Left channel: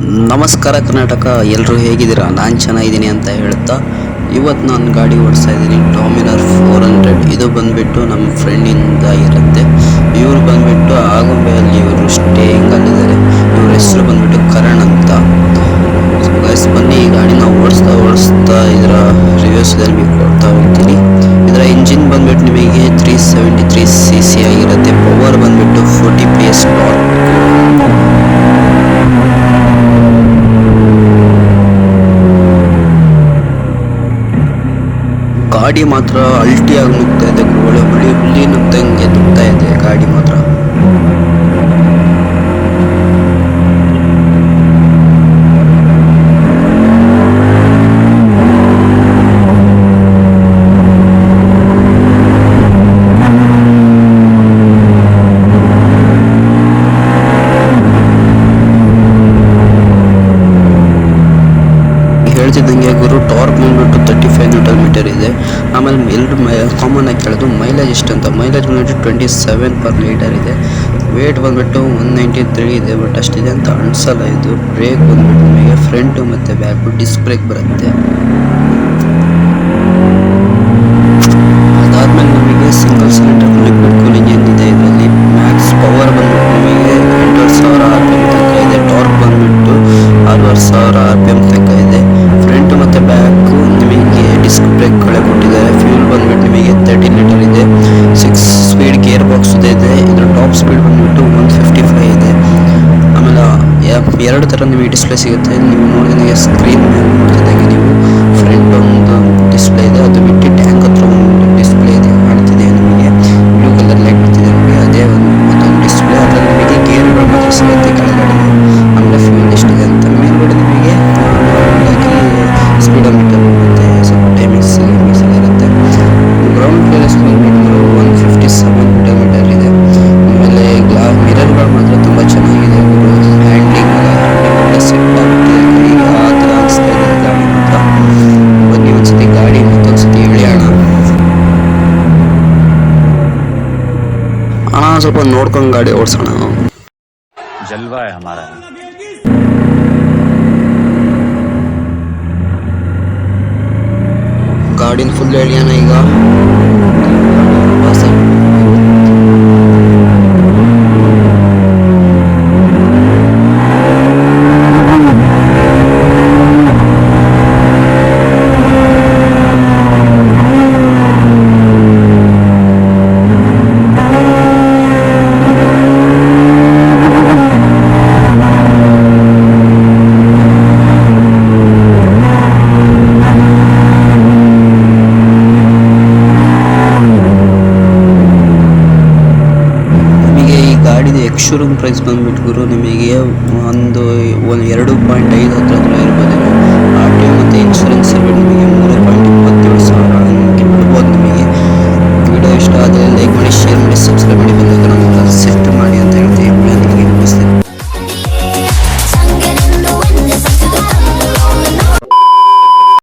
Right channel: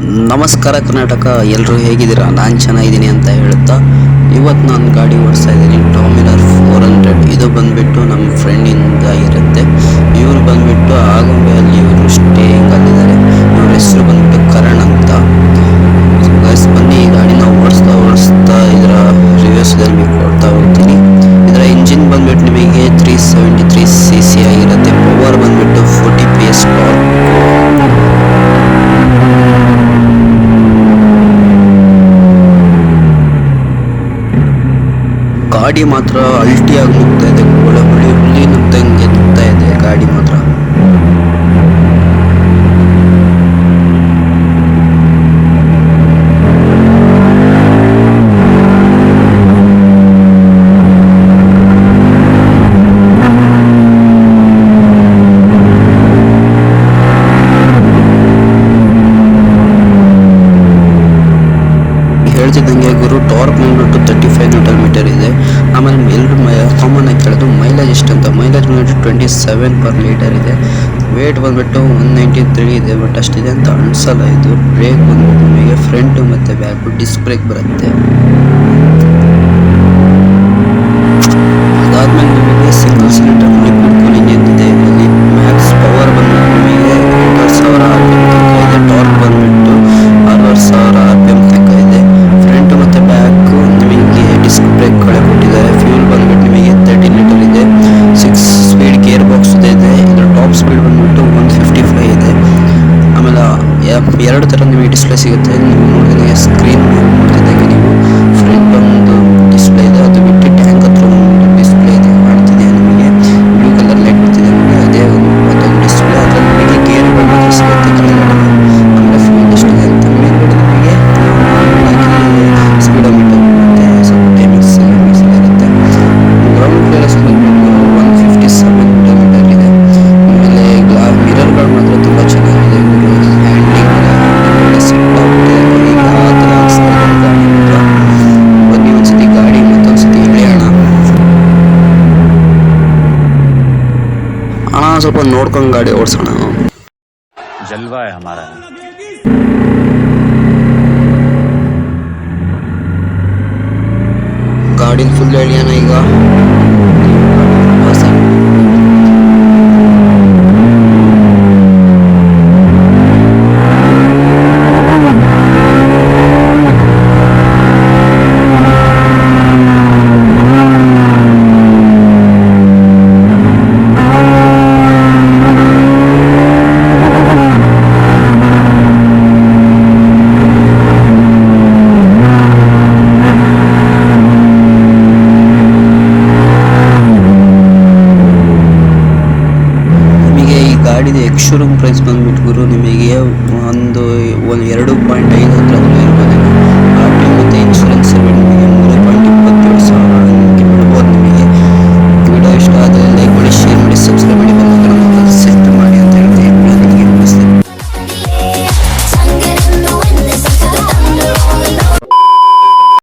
ನಮಸ್ಕಾರ ಕರ್ನಾಟಕ, ಎಲ್ಲರೂ ಹೇಗಿದ್ದೀರಾ? ನಾನು ಚೆನ್ನಾಗಿದ್ದೀನಿ ಅಂತ ಹೇಳ್ತಾ ಇವತ್ತು ನಾನು ಗಾಡಿ ಓಡಿಸ್ತಾ ಇದ್ದೀನಿ ಡಾಮಿನರ್ 400. ಇದು ಬಂದುಬಿಟ್ಟು ನಮ್ಮ ಫ್ರೆಂಡಿಂದ ಇರುತ್ತೆ. ಇವರು ಬಂದುಬಿಟ್ಟು ಆಗುಂಬೆಯಲ್ಲಿ ಇವರು ಸ್ಟೇಯಿಂಗ್ ಅಲ್ಲಿದ್ದಾರೆ. ಇವ್ರ ಹೆಸರು ಬಂದುಬಿಟ್ಟು ಕರಣ್ ಅಂತ. ಗೈಸ್ ಬನ್ನಿ, ಈ ಗಾಡಿನ ಓಡಿಸ್ತಾ ಇದರ ರಿವ್ಯೂಸ್ದಲ್ಲಿ ಕೊಡ್ತಾ ಹೋಗ್ತೀನಿ. ಇದರ ಇಂಜಿನ್ ಬಂದುಬಿಟ್ಟು ನಿಮಗೆ 373 cc ಆಗಿರುತ್ತೆ. ಪವರ್ ಬಂದುಬಿಟ್ಟು 40 PS ಟಾರ್ಕ್. ಗಾಡಿ ಮಾತ್ರ ಅಲ್ಟಿಯಾಗಿ ನುಗ್ತಾ ಇದೆ, ಹುಳಿ ನುಗ್ದಂಗೆ ನುಗ್ತಾ ಇದೆ ಗಾಡಿ ಮಾತ್ರ. ಹೇಳ್ತಿದ್ದಂಗೆ ಗುರು, ಟಾರ್ಕ್ ಬಂದ್ಬಿಟ್ಟು 35 Nm ಇದೆ. ಆಮೇಲೆ ಎಲ್ಲರೂ ಕಾಮನ್ ಆಗಿ ಕೇಳೋದು ಮೈಲೇಜ್ ಎಷ್ಟು ಅಂತ. ಮೈಲೇಜ್ ಬಂದ್ಬಿಟ್ಟು 27 per liter ಇದೆ. ವೇಟ್ ಬಂದ್ಬಿಟ್ಟು 193 ಇದೆ, ಬಟ್ ಅಷ್ಟಿದೆ ಅಂತ ಅನ್ಸಲ್ಲ ಇದು. ಬ್ರೇಕ್ ಬಂದ್ಬಿಟ್ಟು ನಿಮಗೆ ಫ್ರಂಟು ಮತ್ತು ಬ್ಯಾಕು ಡಿಸ್ಕ್ ಬ್ರೇಕ್ ಬರುತ್ತೆ. ಅದಾದ್ಮೇಲೆ ನಿಮಗೆ ಸಿಂಗಲ್ ಸಿಲಿಂಡರ್ ಲಿಕ್ವಿಡ್ ಕೂಲಿಂಗ್ ಏನಿದೆ ಇದರಲ್ಲಿ. ಮ್ಯಾಕ್ಸ್ ಪವರ್ ಬಂದ್ಬಿಟ್ಟು ನಿಮಗೆ 8000 RPM ತನಕ ಇದೆ. ಟಾರ್ಕ್ ಬಂದ್ಬಿಟ್ಟು 6000 RPM ತನಕ ಇದೆ. ಫ್ರಂಟ್ ಮತ್ತು ಬ್ಯಾಕು ನಿಮಗೆ ಡಿಸ್ಕ್ ಬ್ರೇಕ್ಗಳೇ ಕೊಟ್ಟಿದ್ದಾರೆ. ಫ್ಯೂಲ್ ಬಂದ್ಬಿಟ್ಟು ನಿಮಗೆ 13 ಲೀಟರ್ ಇದೆ. 6 ಸ್ಪೀಡ್ ಗೇರ್ ಬಾಕ್ಸ್ ಇದೆ. ಇದರ ಟಾಪ್ ಸ್ಪೀಡ್ ಬಂದ್ಬಿಟ್ಟು 155 ಇದೆ. ಆಮೇಲೆ ಎರಡು ಥರ ನಿಮಗೆ ಡಿಸ್ಪ್ಲೇ ಸಿಗುತ್ತೆ. ನೀವು ನೋಡಿದಂಗೆ ಸ್ಕ್ರೀನ್ ಮೇಲೆ ನೋಡ್ತಿದ್ದಂಗೆ ನೀವು ಫ್ರಂಟ್ ಒಂದು ಡಿಸ್ಪ್ಲೇ ಇದೆ, ಅದು ಬಿಟ್ಟು ಟ್ಯಾಂಕ್ ಹತ್ರ ಒಂದು ಡಿಸ್ಪ್ಲೇ ಇದೆ ಕಾಣ್ತಿದೆ ನಿಮಗೆ. ಬ್ಲೂ ಕಲರ್ ಲೈಟ್ ಬರ್ತಿದೆ ನಿಮಗೆ, ಅದೇ ಮತ್ತೊಂದು ಡಿಸ್ಪ್ಲೇ. ಅದರಲ್ಲಿ ನಿಮಗೆ ಗೇರ್ಗಳು ಮಾತ್ರ ಸಿಗುತ್ತೆ ಕೆಳಗಡೆ. ಆಮೇಲೆ ಫ್ಯೂಲ್ ಎಷ್ಟಿದೆ ಅಂತ ಮೇಲ್ಗಡೆ ನಿಮಗೆ ಸ್ಪೀಡೋಮೀಟರ್ ಮತ್ತು ಸ್ವಲ್ಪ ಟೈಮಿಂಗ್ಸ್ ಎಲ್ಲ ಇರುತ್ತೆ. ಗ್ರೌಂಡ್ ಕ್ಲಿಯರೆನ್ಸ್ ಬಂದ್ಬಿಟ್ಟು 157 ಮೀಟರ್ ಇದೆ. ಆಮೇಲೆ ಮಿರರ್ಗಳು ಮಾತ್ರ ತುಂಬ ಚೆನ್ನಾಗಿದೆ ಇವರು. ಹ್ಯಾಂಡ್ಲಿಂಗ್ ಎಲ್ಲ ಸೆಟ್ ಆಗ್ಬಿಟ್ಟಿದೆ ಕೈಗೆ, ಆ ಥರ ಅನಿಸ್ತಾ ಇದೆ ಗಾಡಿ ಮಾತ್ರ. ಬನ್ನಿ ಒಂದ್ಸತಿ ಗಾಡಿ ಮತ್ತೊಂದ್ಸತಿ ಎಳೆಯೋಣ. ಸ್ವಲ್ಪ ನೋಡ್ಕೊಂಡು ಗಾಡಿ ಓಡಿಸೋಣ. ಜಲ್ವಾ ಹೈ ಹಮಾರಾ. ಗಾಡಿನ ಫುಲ್ ಎಳೆಯೋಣ ಈಗ. ಗಾಡಿದು ಎಕ್ಸ್ ಶೋರೂಮ್ ಪ್ರೈಸ್ ಬಂದ್ಬಿಟ್ಟು ಗುರು ನಿಮಗೆ ಒಂದು 2.5 ಹತ್ರ ಇರ್ಬೋದೇನೋ. RTO ಮತ್ತು ಇನ್ಶೂರೆನ್ಸ್